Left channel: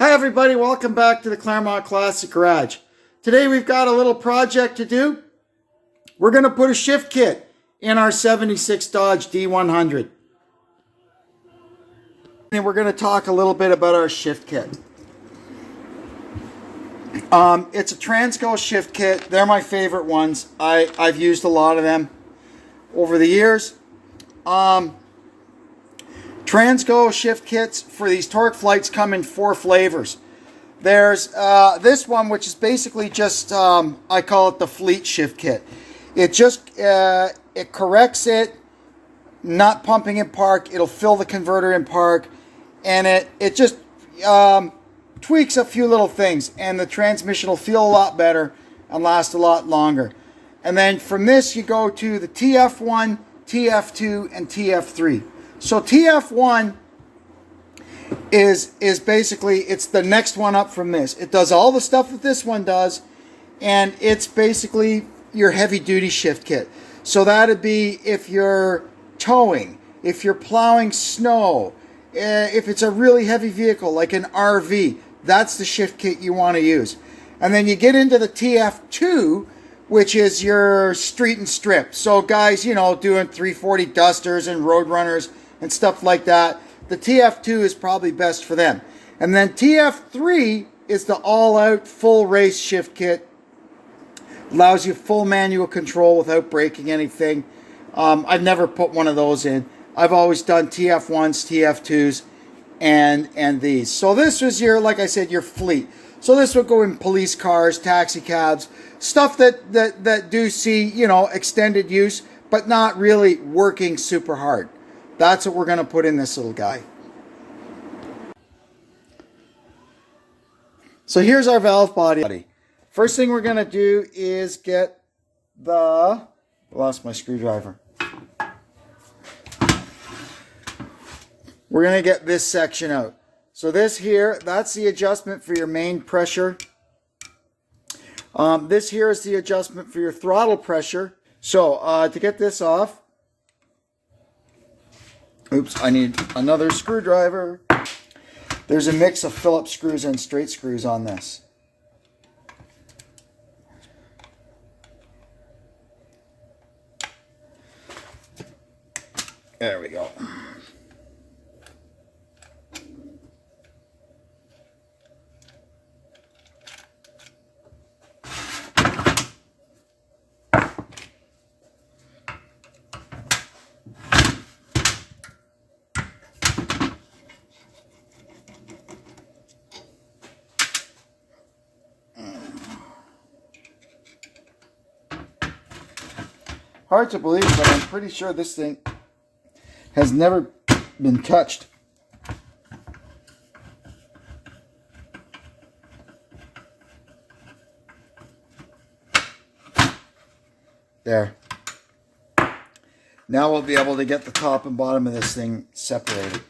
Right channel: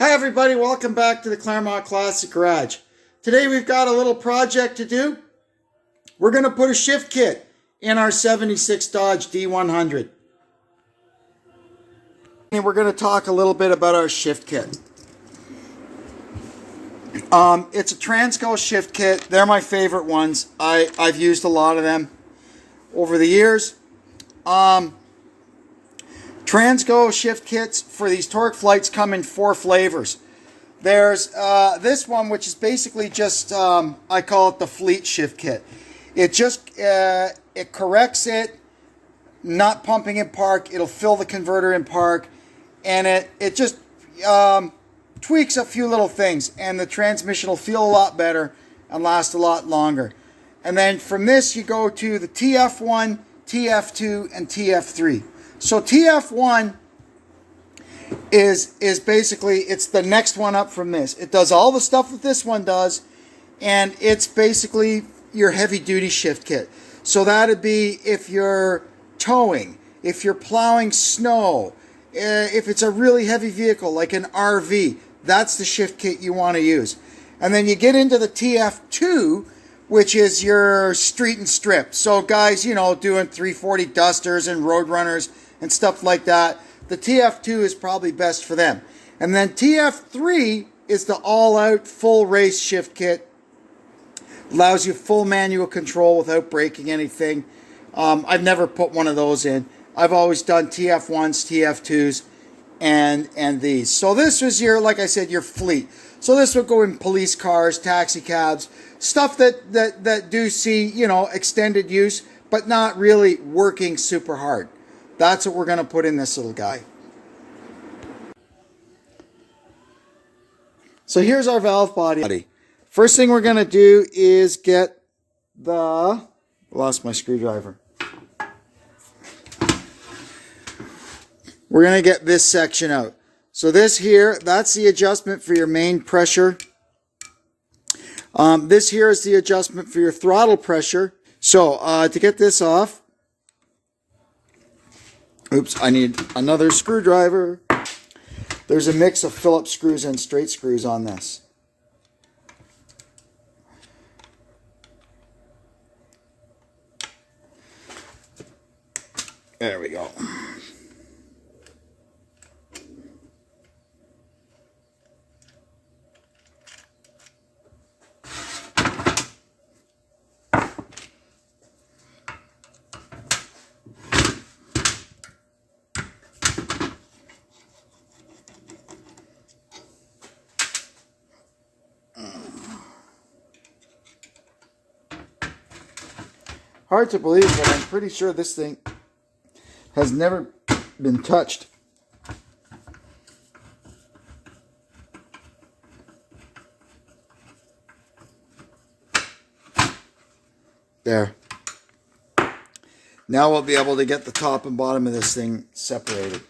Hi everybody, welcome back to the Claremont Classic Garage. Today we've got a little project to do. We're going to put a shift kit in our 76 Dodge D100. And we're going to talk a little bit about our shift kit. It's a Transgo shift kit. They're my favorite ones. I've used a lot of them over the years. Transgo shift kits for these torque flights come in 4 flavors. There's this one, which is basically just, I call it the fleet shift kit. It just, it corrects it, not pumping in park. It'll fill the converter in park. And it just tweaks a few little things. And the transmission will feel a lot better and last a lot longer. And then from this, you go to the Tf1, Tf2, and Tf3. So Tf1 is basically, it's the next one up from this. It does all the stuff that this one does, and it's basically your heavy duty shift kit. So that'd be if you're towing, if you're plowing snow, if it's a really heavy vehicle like an RV, that's the shift kit you want to use. And then you get into the Tf2, which is your street and strip. So guys, you know, doing 340 Dusters and Road Runners and stuff like that, the Tf2 is probably best for them. And then Tf3 is the all-out full race shift kit. Allows you full manual control without breaking anything. I've never put one of those in. I've always done Tf1s, Tf2s, and these. So this was your, like I said, your fleet. So this would go in police cars, taxi cabs, stuff that do see, you know, extended use, but not really working super hard. That's what we're going to put in this little guy. So here's our valve body. First thing we're going to do is get the... Lost my screwdriver. We're going to get this section out. So this here, that's the adjustment for your main pressure. This here is the adjustment for your throttle pressure. So to get this off, oops, I need another screwdriver. There's a mix of Phillips screws and straight screws on this. There we go. Hard to believe, but I'm pretty sure this thing has never been touched. There. Now we'll be able to get the top and bottom of this thing separated.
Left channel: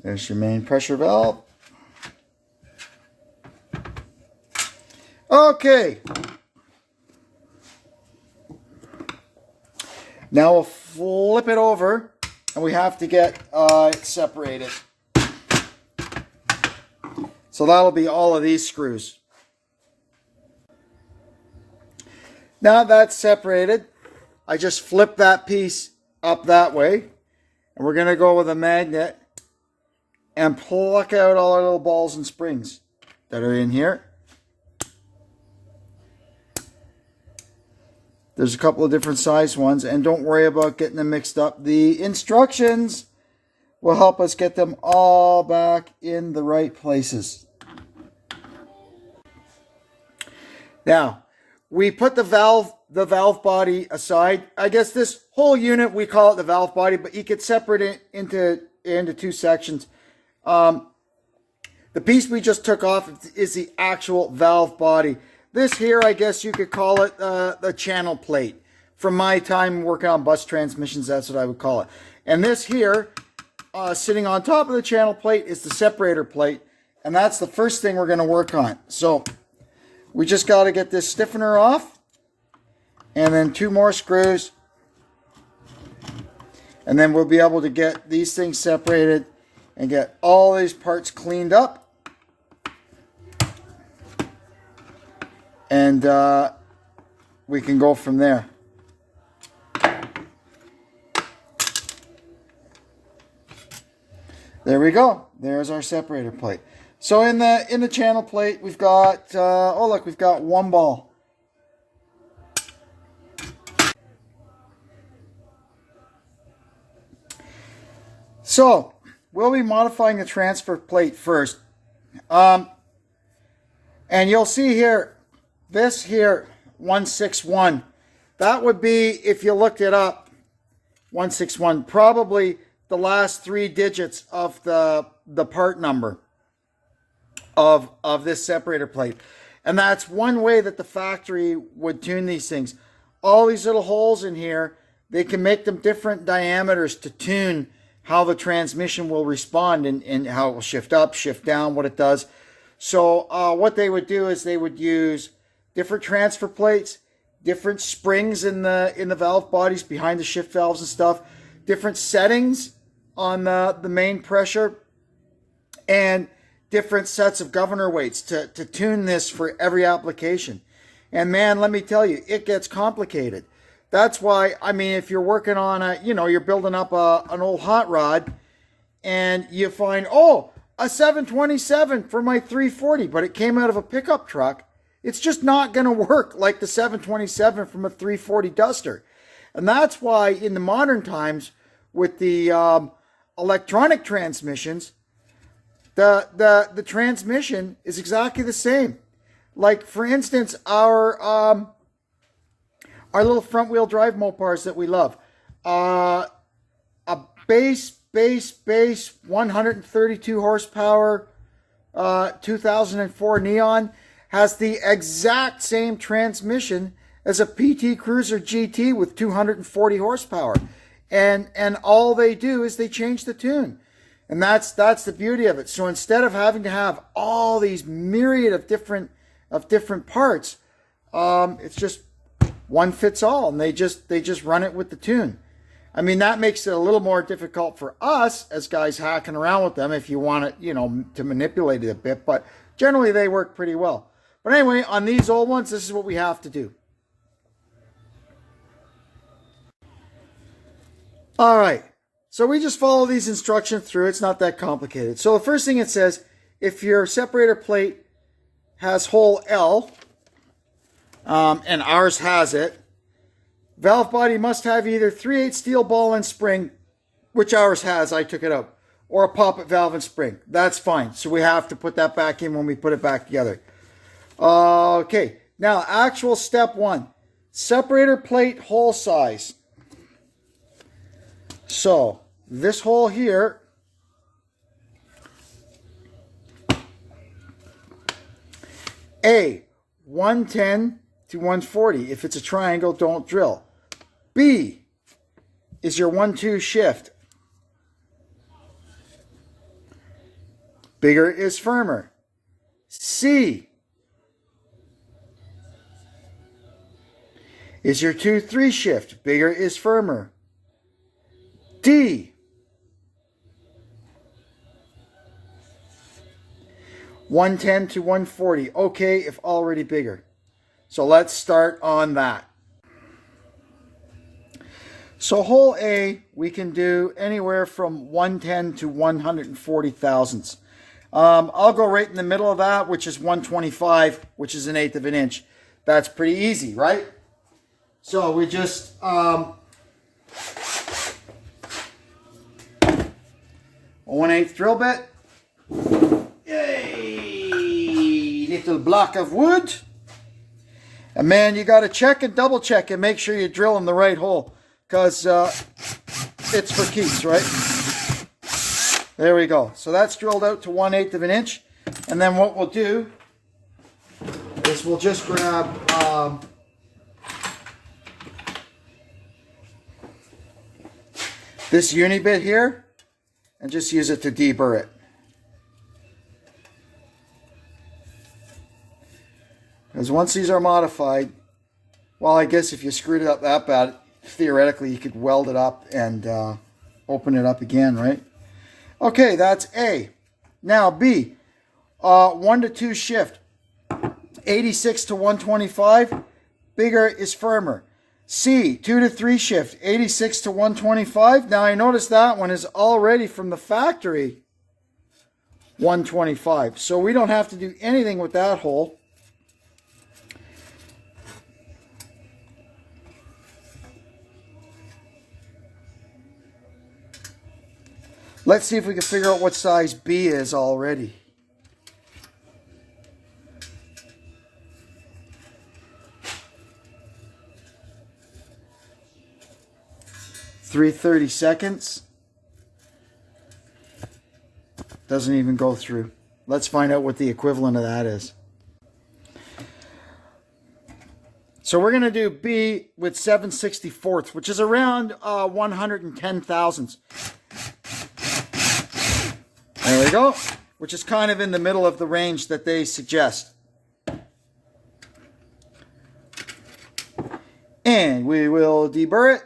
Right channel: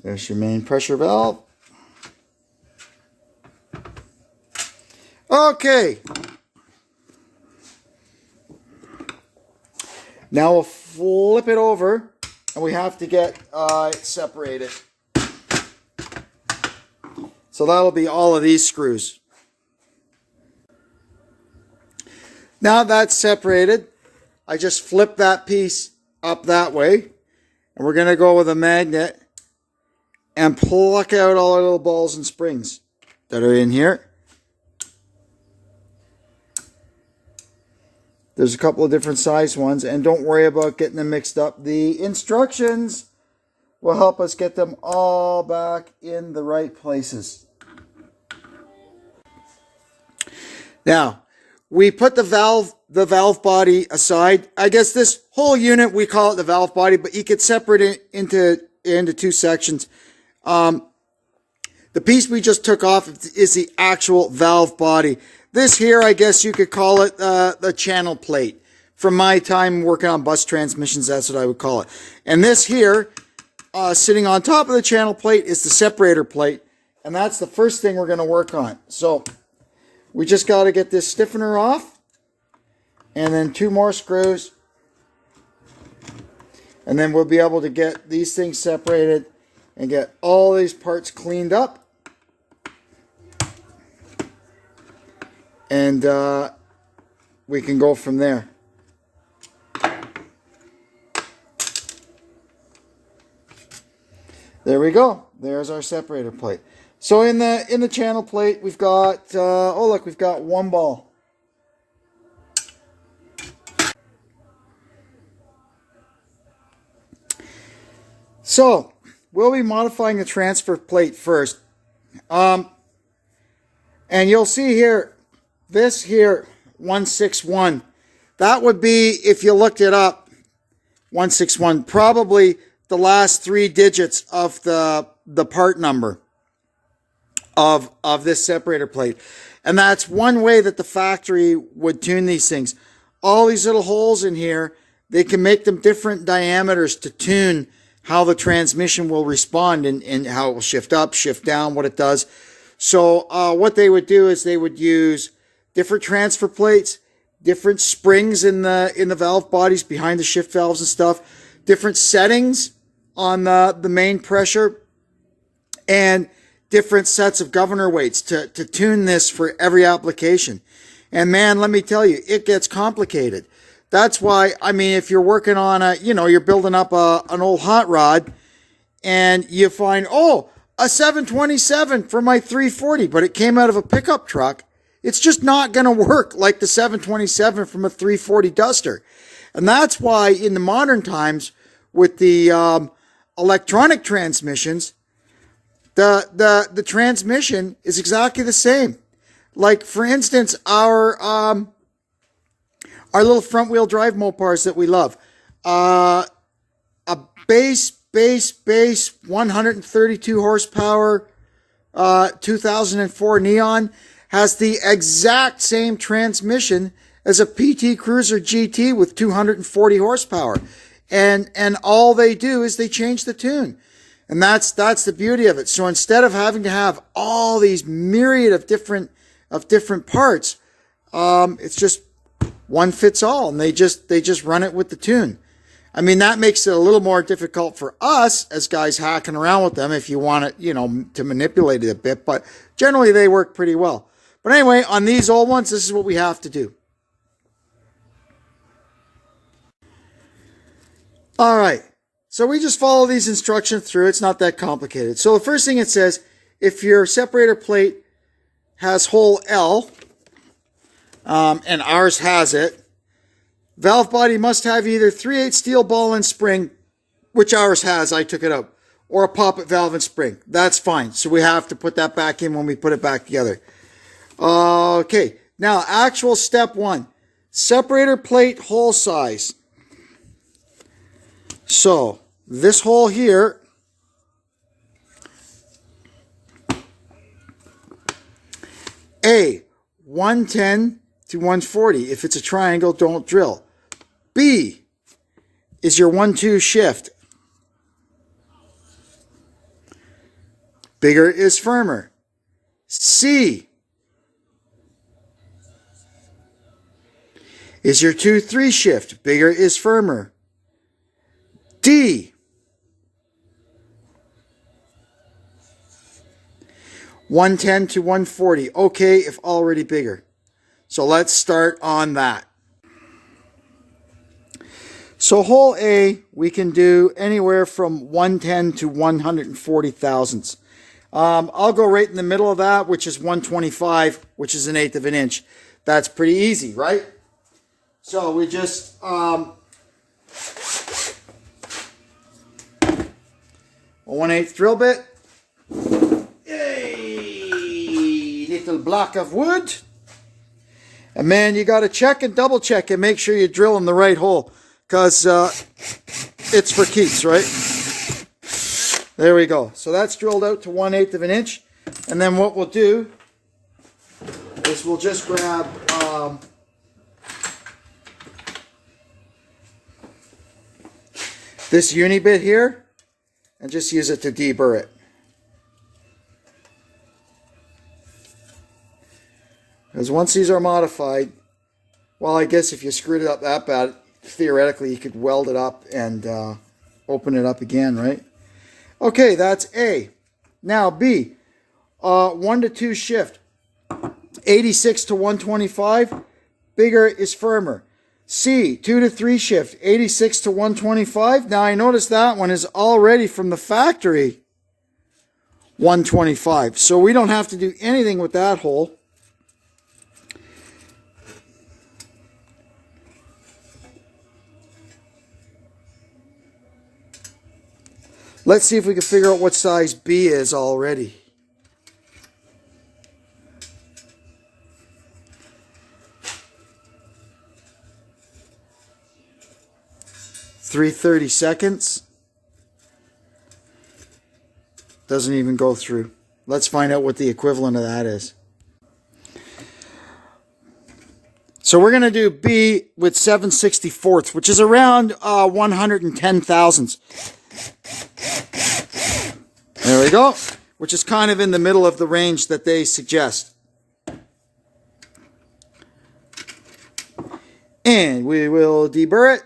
There's your main pressure valve. Okay. Now we'll flip it over and we have to get it separated. So that'll be all of these screws. Now that's separated, I just flip that piece up that way, and we're going to go with a magnet and pluck out all our little balls and springs that are in here. There's a couple of different size ones, and don't worry about getting them mixed up. The instructions will help us get them all back in the right places. Now, we put the valve body aside. I guess this whole unit, we call it the valve body, but you could separate it into 2 sections. The piece we just took off is the actual valve body. This here, I guess you could call it the channel plate. From my time working on bus transmissions, that's what I would call it. And this here, sitting on top of the channel plate, is the separator plate. And that's the first thing we're going to work on. So we just got to get this stiffener off. and then 2 more screws, and then we'll be able to get these things separated and get all these parts cleaned up. And we can go from there. There we go. There's our separator plate. So in the channel plate, we've got oh look, we've got 1 ball. So we'll be modifying the transfer plate first. And you'll see here, this here, 161. That would be, if you looked it up, 161, probably the last 3 digits of the part number of this separator plate. And that's one way that the factory would tune these things. All these little holes in here, they can make them different diameters to tune how the transmission will respond and how it will shift up, shift down, what it does. So what they would do is they would use different transfer plates, different springs in the valve bodies behind the shift valves and stuff, different settings on the main pressure, and different sets of governor weights to tune this for every application. And man, let me tell you, it gets complicated. That's why, I mean, if you're working on you're building up an old hot rod and you find, oh, a 727 for my 340, but it came out of a pickup truck, it's just not going to work like the 727 from a 340 Duster. And that's why in the modern times with the electronic transmissions, the transmission is exactly the same. Like, for instance, our little front wheel drive Mopars that we love. A base 132 horsepower 2004 Neon has the exact same transmission as a PT Cruiser GT with 240 horsepower. And all they do is they change the tune. And that's the beauty of it. So instead of having to have all these myriad of different parts, it's just one fits all, and they just run it with the tune. I mean, that makes it a little more difficult for us as guys hacking around with them if you want it, to manipulate it a bit, but generally they work pretty well. But anyway, on these old ones, this is what we have to do. All right. So we just follow these instructions through. It's not that complicated. So the first thing it says, if your separator plate has hole L, and ours has it, valve body must have either 3/8 steel ball and spring, which ours has, I took it out, or a poppet valve and spring. That's fine. So we have to put that back in when we put it back together. Okay, now actual step 1, separator plate hole size. So this hole here, A, 110 to 140. If it's a triangle, don't drill. B is your 1-2 shift. Bigger is firmer. C is your 2-3 shift. Bigger is firmer. D, 110 to 140. Okay, if already bigger. So let's start on that. So hole A, we can do anywhere from 110 to 140 thousandths. I'll go right in the middle of that, which is 125, which is 1/8 of an inch. That's pretty easy, right? So we just 1/8 drill bit. Yay! Little block of wood. And man, you got to check and double check and make sure you drill in the right hole, because it's for keeps, right? There we go. So that's drilled out to 1/8 of an inch. And then what we'll do is we'll just grab this uni bit here and just use it to deburr it. Because once these are modified, Well, I guess if you screwed it up that bad, theoretically you could weld it up and open it up again, right? Okay, that's A. Now B, 1 to 2 shift, 86 to 125, bigger is firmer. C, 2 to 3 shift, 86 to 125. Now I notice that one is already from the factory 125. So we don't have to do anything with that hole. Let's see if we can figure out what size B is already. .332. Doesn't even go through. Let's find out what the equivalent of that is. So we're going to do B with 7/64, which is around 110 thousandths. There we go. Which is kind of in the middle of the range that they suggest. And we will deburr it.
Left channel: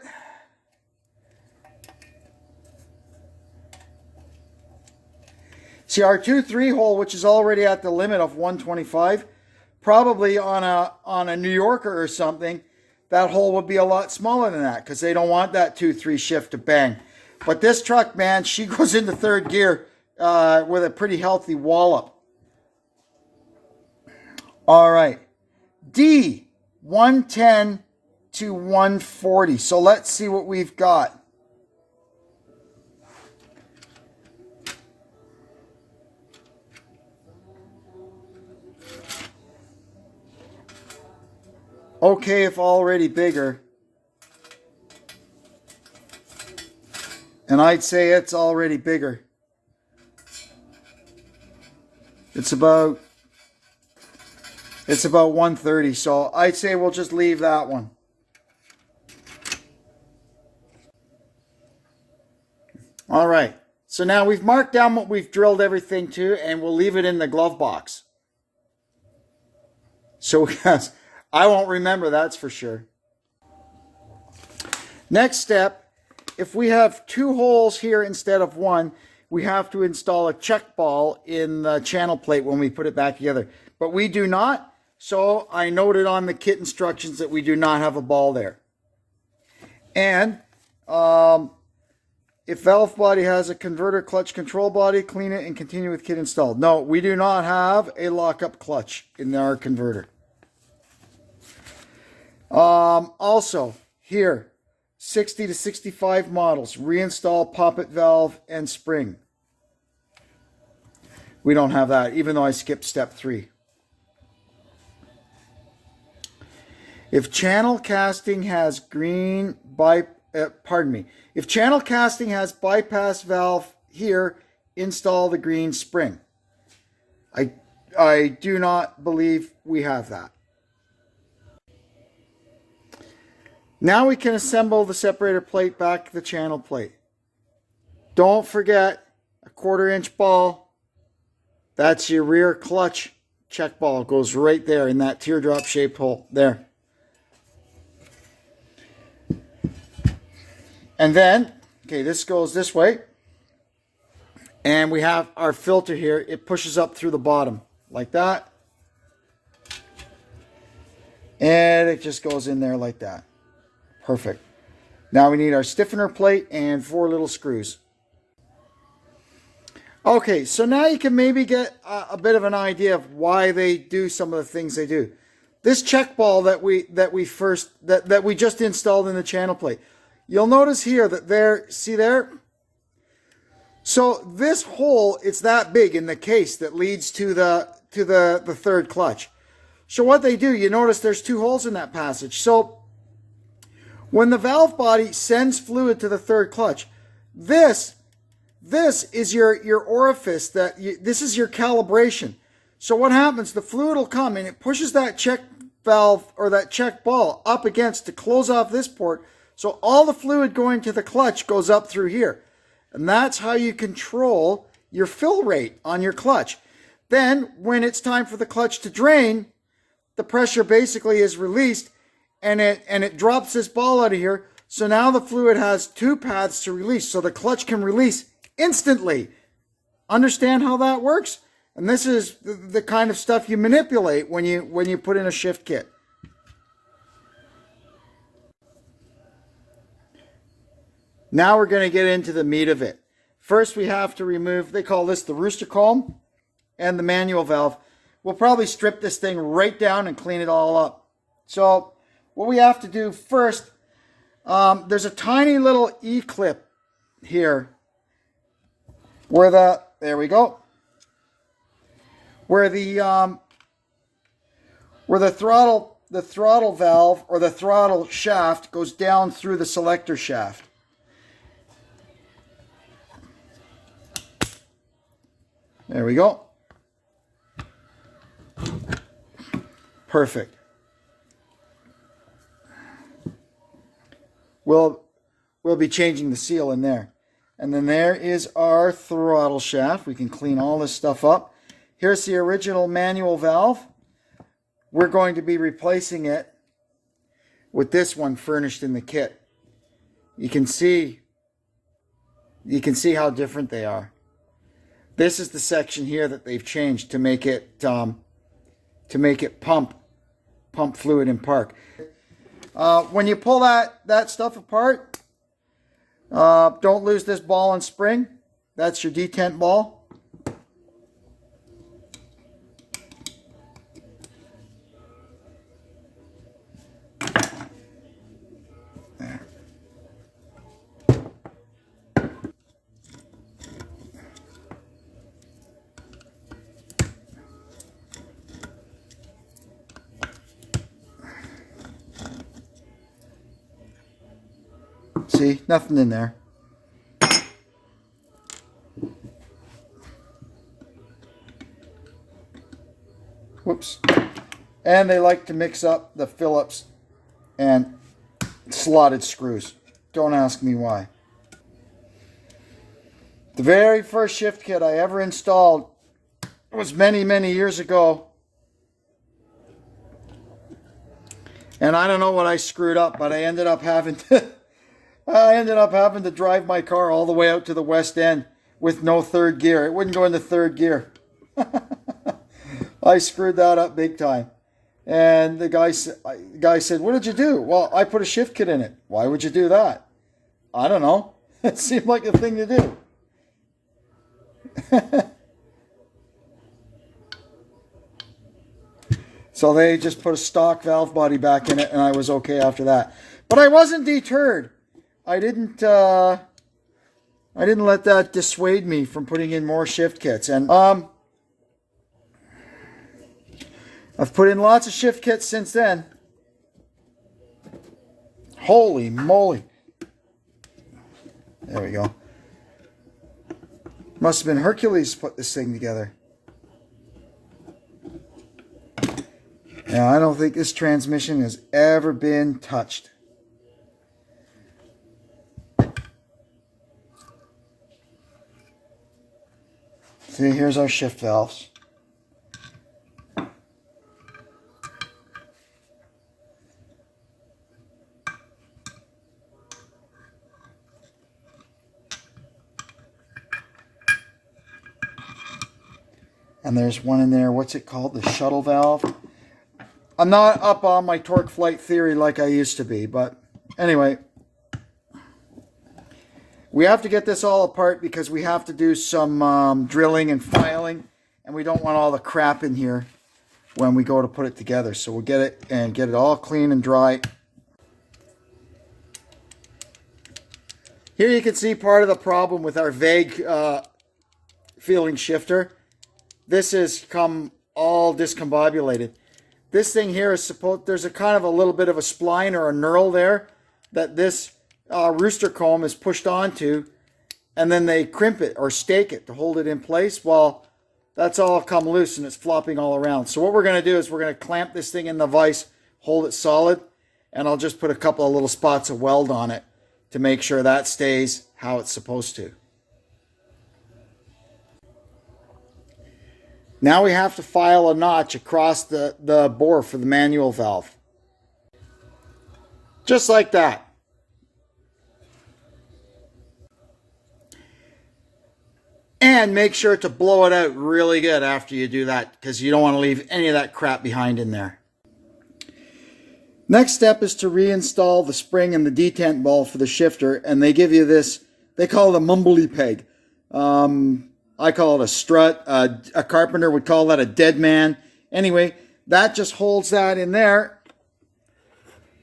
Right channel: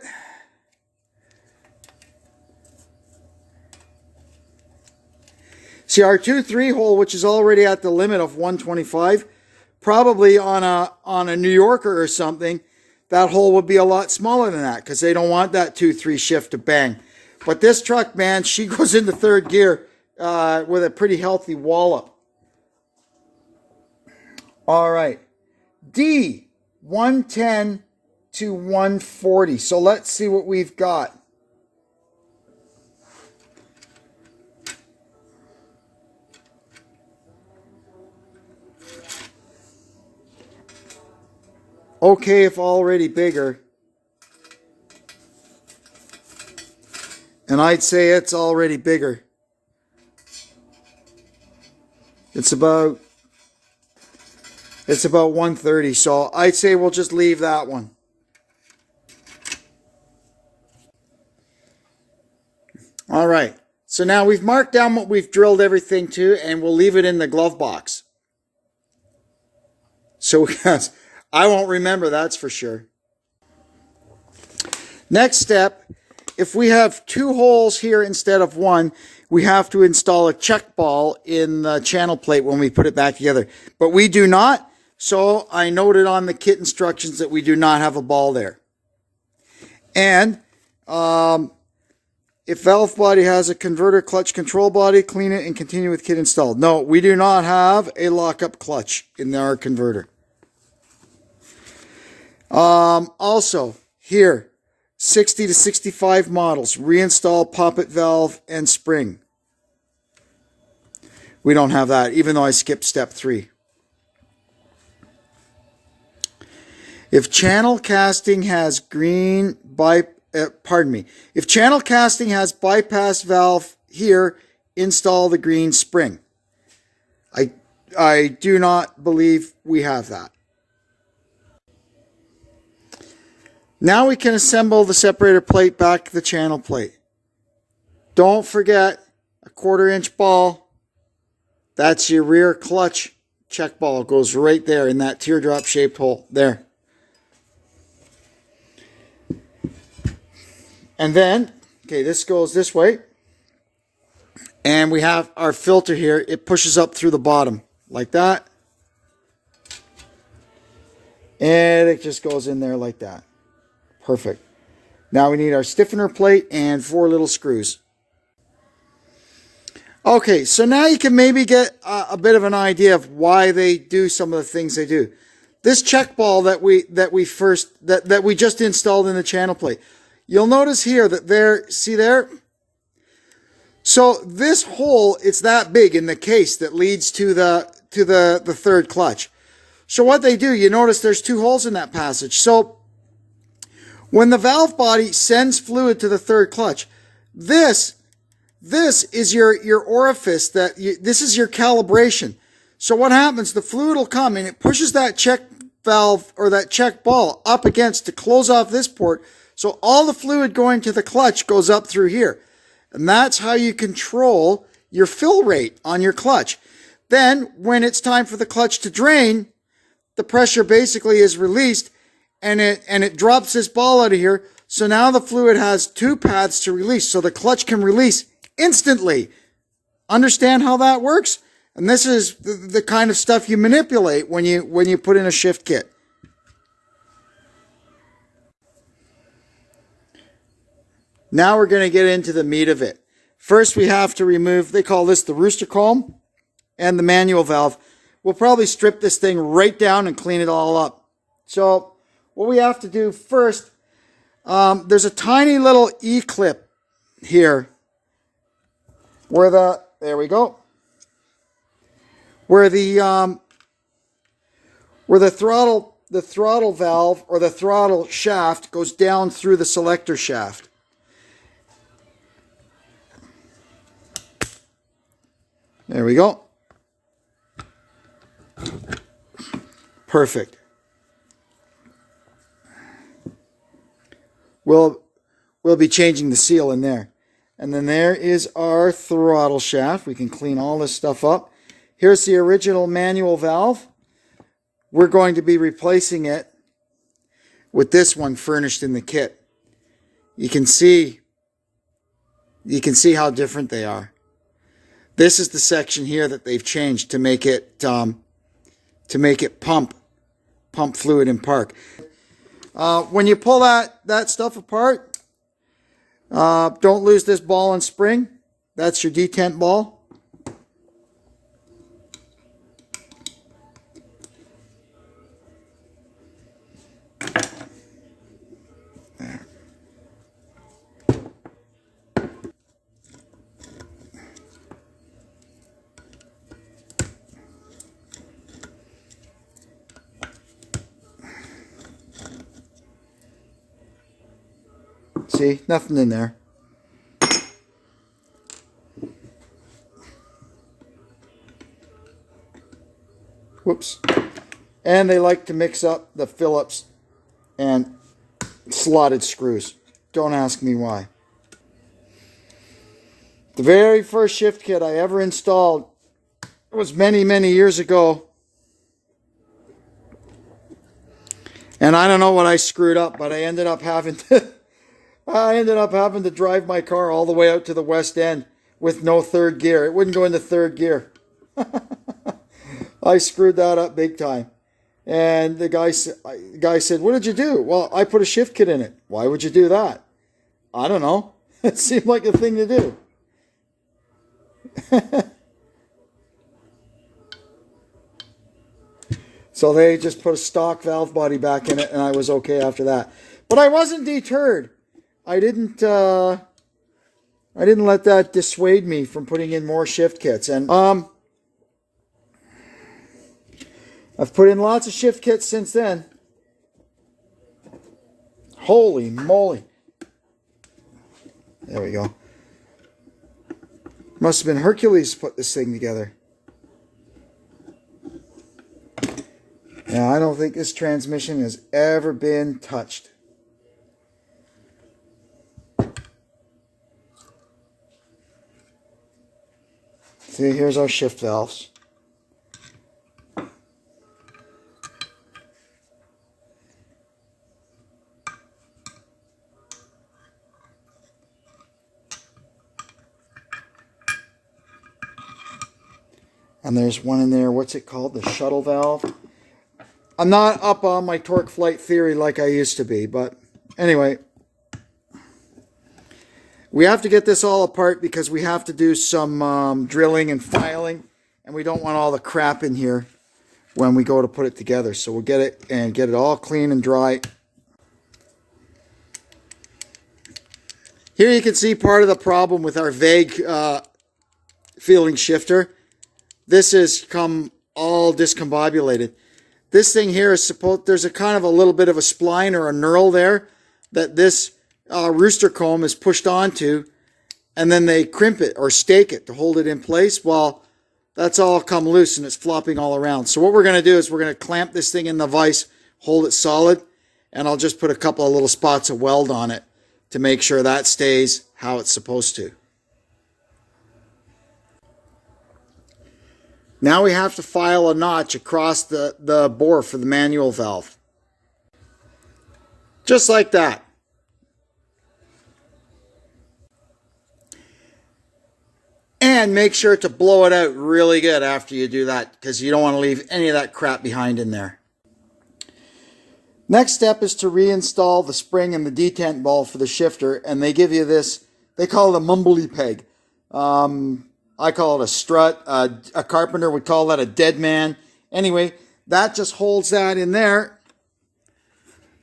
See, our 2-3 hole, which is already at the limit of 125, probably on a New Yorker or something, that hole would be a lot smaller than that because they don't want that 2-3 shift to bang. But this truck, man, she goes into third gear with a pretty healthy wallop. All right. D, 110 to 140. So let's see what we've got. Okay, if already bigger. And I'd say it's already bigger. It's about 130, so I'd say we'll just leave that one. All right, so now we've marked down what we've drilled everything to, and we'll leave it in the glove box. So yes, I won't remember, that's for sure. Next step, if we have 2 holes here instead of 1, we have to install a check ball in the channel plate when we put it back together. But we do not, so I noted on the kit instructions that we do not have a ball there. And if valve body has a converter clutch control body, clean it and continue with kit installed. No, we do not have a lockup clutch in our converter. Also, here, 60 to 65 models, reinstall poppet valve and spring. We don't have that, even though I skipped step 3. If channel casting has if channel casting has bypass valve here, install the green spring. I do not believe we have that. Now we can assemble the separator plate back to the channel plate. Don't forget a 1/4 inch ball. That's your rear clutch check ball. It goes right there in that teardrop shaped hole there. And then, okay, this goes this way. And we have our filter here. It pushes up through the bottom like that. And it just goes in there like that. Perfect. Now we need our stiffener plate and 4 little screws. Okay, so now you can maybe get a bit of an idea of why they do some of the things they do. This check ball that we just installed in the channel plate. You'll notice here that there, see there? So this hole, it's that big in the case that leads to the third clutch. So what they do, you notice there's 2 holes in that passage. So when the valve body sends fluid to the third clutch, this is your orifice, this is your calibration. So what happens, the fluid will come and it pushes that check valve or that check ball up against to close off this port. So all the fluid going to the clutch goes up through here. And that's how you control your fill rate on your clutch. Then when it's time for the clutch to drain, the pressure basically is released and it drops this ball out of here. So now the fluid has two paths to release, so the clutch can release instantly. Understand how that works? And this is the kind of stuff you manipulate when you put in a shift kit. Now we're going to get into the meat of it. First, we have to remove, they call this the rooster comb and the manual valve. We'll probably strip this thing right down and clean it all up. So what we have to do first, there's a tiny little E-clip here where there we go, where the throttle valve or the throttle shaft goes down through the selector shaft. There we go. Perfect. We'll be changing the seal in there. And then there is our throttle shaft. We can clean all this stuff up. Here's the original manual valve. We're going to be replacing it with this one furnished in the kit. You can see how different they are. This is the section here that they've changed to make it pump fluid in park. When you pull that stuff apart, don't lose this ball and spring. That's your detent ball. There. See, nothing in there. Whoops. And they like to mix up the Phillips and slotted screws. Don't ask me why. The very first shift kit I ever installed was many, many years ago. And I don't know what I screwed up, but I ended up having to drive my car all the way out to the West End with no third gear. It wouldn't go into third gear. I screwed that up big time. And the guy said, "What did you do?" "Well, I put a shift kit in it." "Why would you do that?" "I don't know. It seemed like a thing to do." So they just put a stock valve body back in it, and I was okay after that. But I wasn't deterred. I didn't let that dissuade me from putting in more shift kits. And I've put in lots of shift kits since then. Holy moly. There we go. Must have been Hercules put this thing together. Now, I don't think this transmission has ever been touched. See, here's our shift valves. And there's one in there, what's it called? The shuttle valve. I'm not up on my torque flight theory like I used to be, but anyway. We have to get this all apart because we have to do some drilling and filing, and we don't want all the crap in here when we go to put it together. So we'll get it all clean and dry. Here you can see part of the problem with our vague feeling shifter. This has come all discombobulated. This thing here is there's a kind of a little bit of a spline or a knurl there that this rooster comb is pushed onto, and then they crimp it or stake it to hold it in place. Well, that's all come loose and it's flopping all around. So what we're going to do is we're going to clamp this thing in the vise, hold it solid, and I'll just put a couple of little spots of weld on it to make sure that stays how it's supposed to. Now we have to file a notch across the bore for the manual valve. Just like that. And make sure to blow it out really good after you do that, because you don't want to leave any of that crap behind in there. Next step is to reinstall the spring and the detent ball for the shifter, and they give you this, they call it a mumbly peg. I call it a strut. A carpenter would call that a dead man. Anyway, that just holds that in there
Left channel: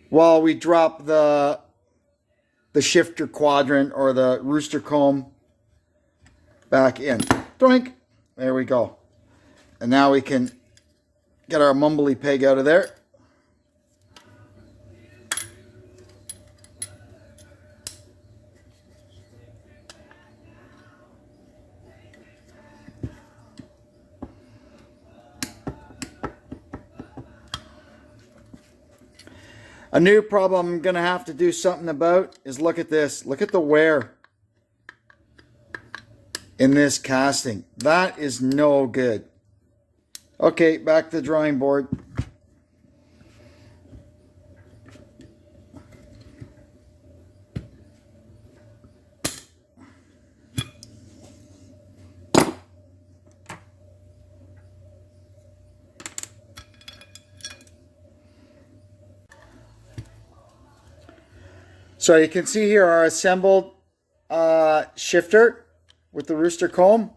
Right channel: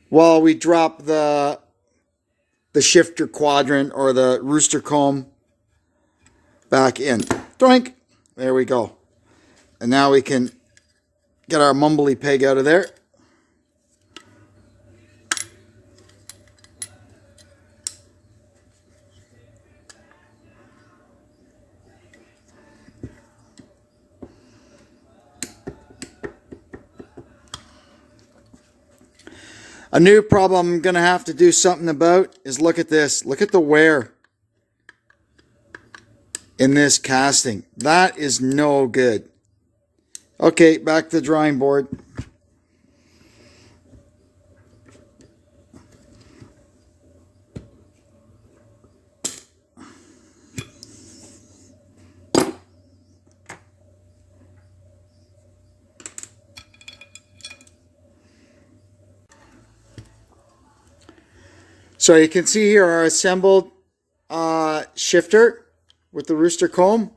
while we drop the shifter quadrant or the rooster comb back in. Doink! There we go. And now we can get our mumbly peg out of there. A new problem I'm going to have to do something about is look at this. Look at the wear in this casting. That is no good. Okay, back to the drawing board. So you can see here our assembled shifter with the rooster comb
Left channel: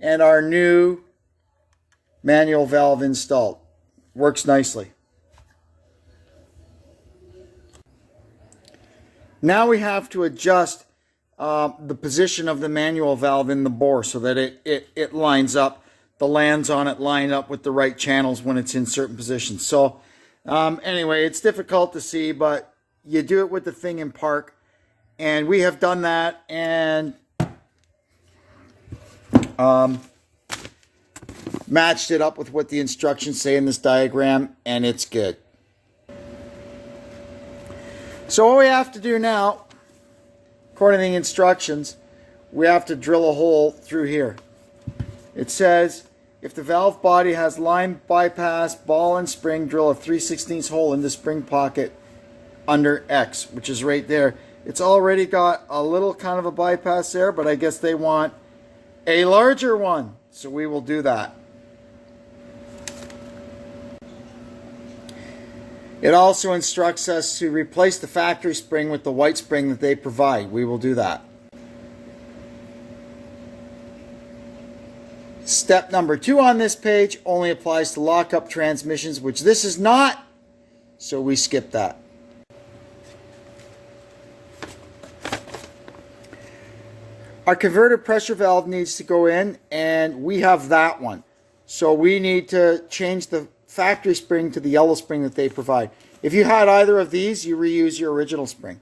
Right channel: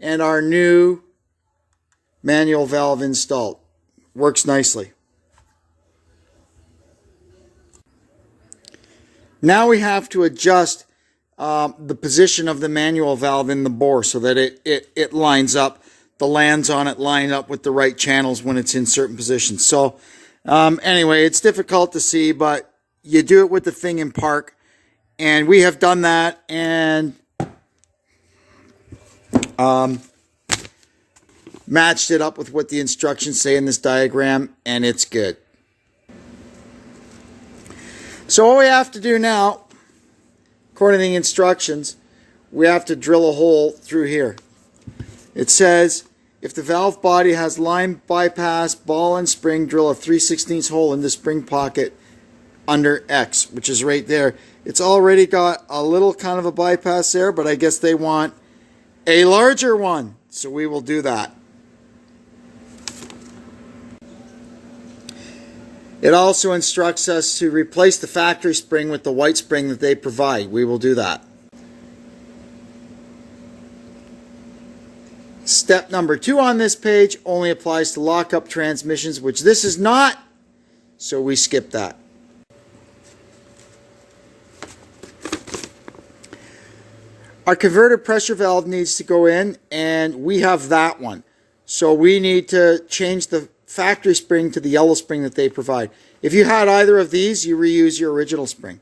and our new manual valve installed. Works nicely. Now we have to adjust the position of the manual valve in the bore so that it lines up. The lands on it line up with the right channels when it's in certain positions. So anyway, it's difficult to see, but you do it with the thing in park, and we have done that, and matched it up with what the instructions say in this diagram, and it's good. So what we have to do now, according to the instructions, we have to drill a hole through here. It says, if the valve body has line bypass, ball and spring, drill a 3/16 hole in the spring pocket under X, which is right there. It's already got a little kind of a bypass there, but I guess they want a larger one, so we will do that. It also instructs us to replace the factory spring with the white spring that they provide. We will do that. Step number 2 on this page only applies to lockup transmissions, which this is not, so we skip that. Our converter pressure valve needs to go in, and we have that one. So we need to change the factory spring to the yellow spring that they provide. If you had either of these, you reuse your original spring.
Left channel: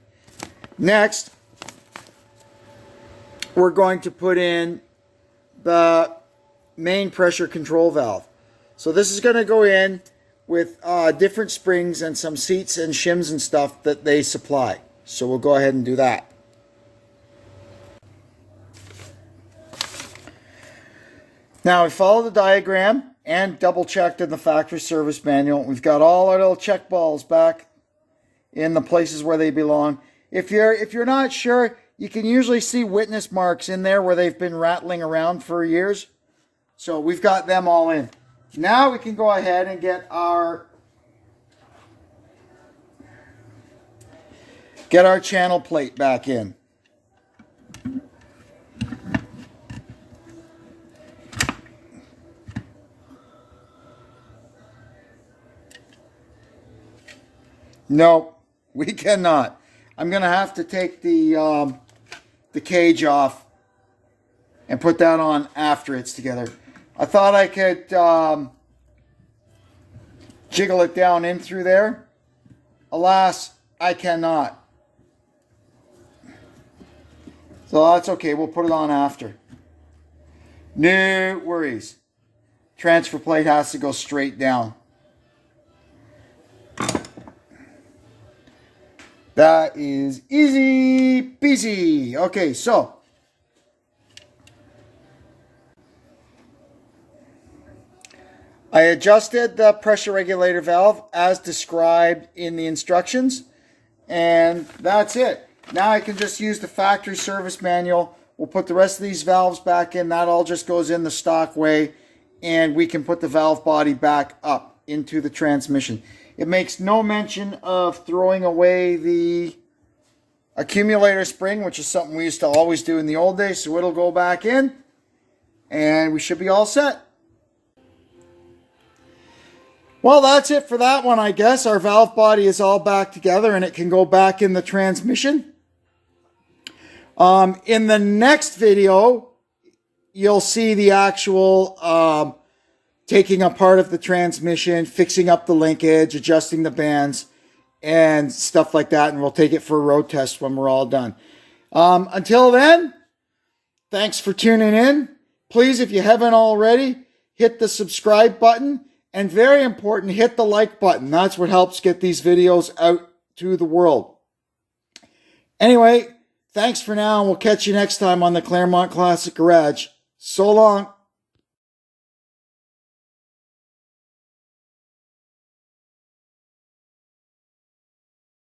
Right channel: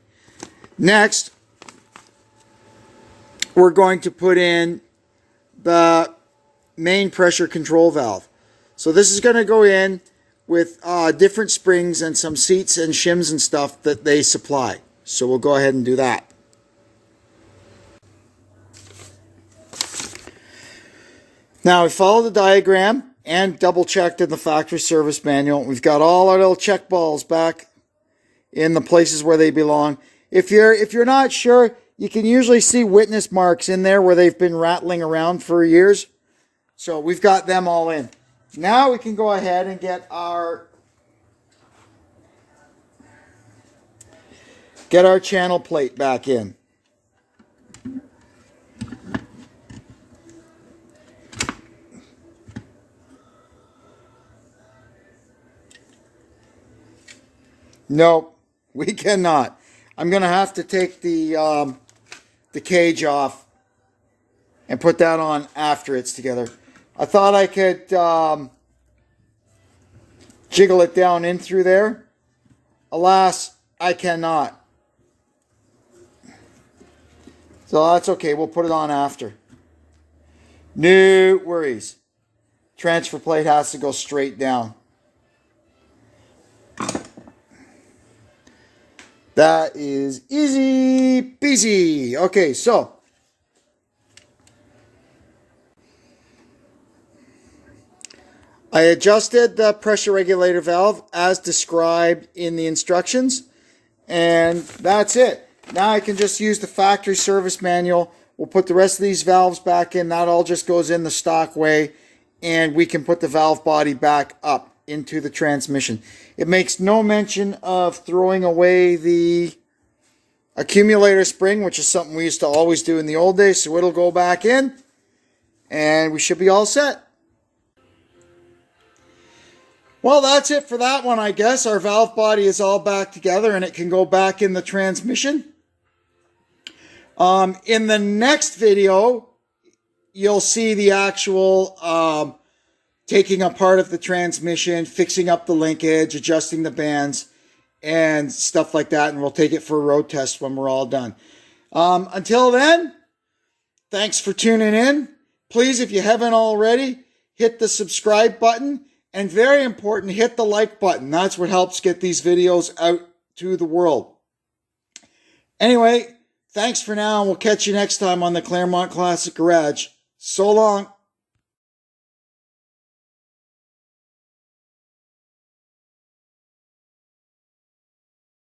Next, we're going to put in the main pressure control valve. So this is going to go in with different springs and some seats and shims and stuff that they supply. So we'll go ahead and do that. Now we follow the diagram and double checked in the factory service manual. We've got all our little check balls back in the places where they belong. If you're not sure, you can usually see witness marks in there where they've been rattling around for years. So we've got them all in. Now we can go ahead and get our channel plate back in. Nope, we cannot. I'm going to have to take the cage off and put that on after it's together. I thought I could jiggle it down in through there. Alas, I cannot. So that's okay. We'll put it on after. No worries. Transfer plate has to go straight down. That is easy peasy. Okay, so I adjusted the pressure regulator valve as described in the instructions, And that's it. Now I can just use the factory service manual. We'll put the rest of these valves back in. That all just goes in the stock way. And we can put the valve body back up into the transmission. It makes no mention of throwing away the accumulator spring, which is something we used to always do in the old days. So it'll go back in. And we should be all set. Well, that's it for that one, I guess. Our valve body is all back together and it can go back in the transmission. In the next video, you'll see the actual taking apart of the transmission, fixing up the linkage, adjusting the bands, and stuff like that. And we'll take it for a road test when we're all done. Until then, thanks for tuning in. Please, if you haven't already, hit the subscribe button. And very important, hit the like button. That's what helps get these videos out to the world. Anyway, thanks for now, and we'll catch you next time on the Claremont Classic Garage. So long.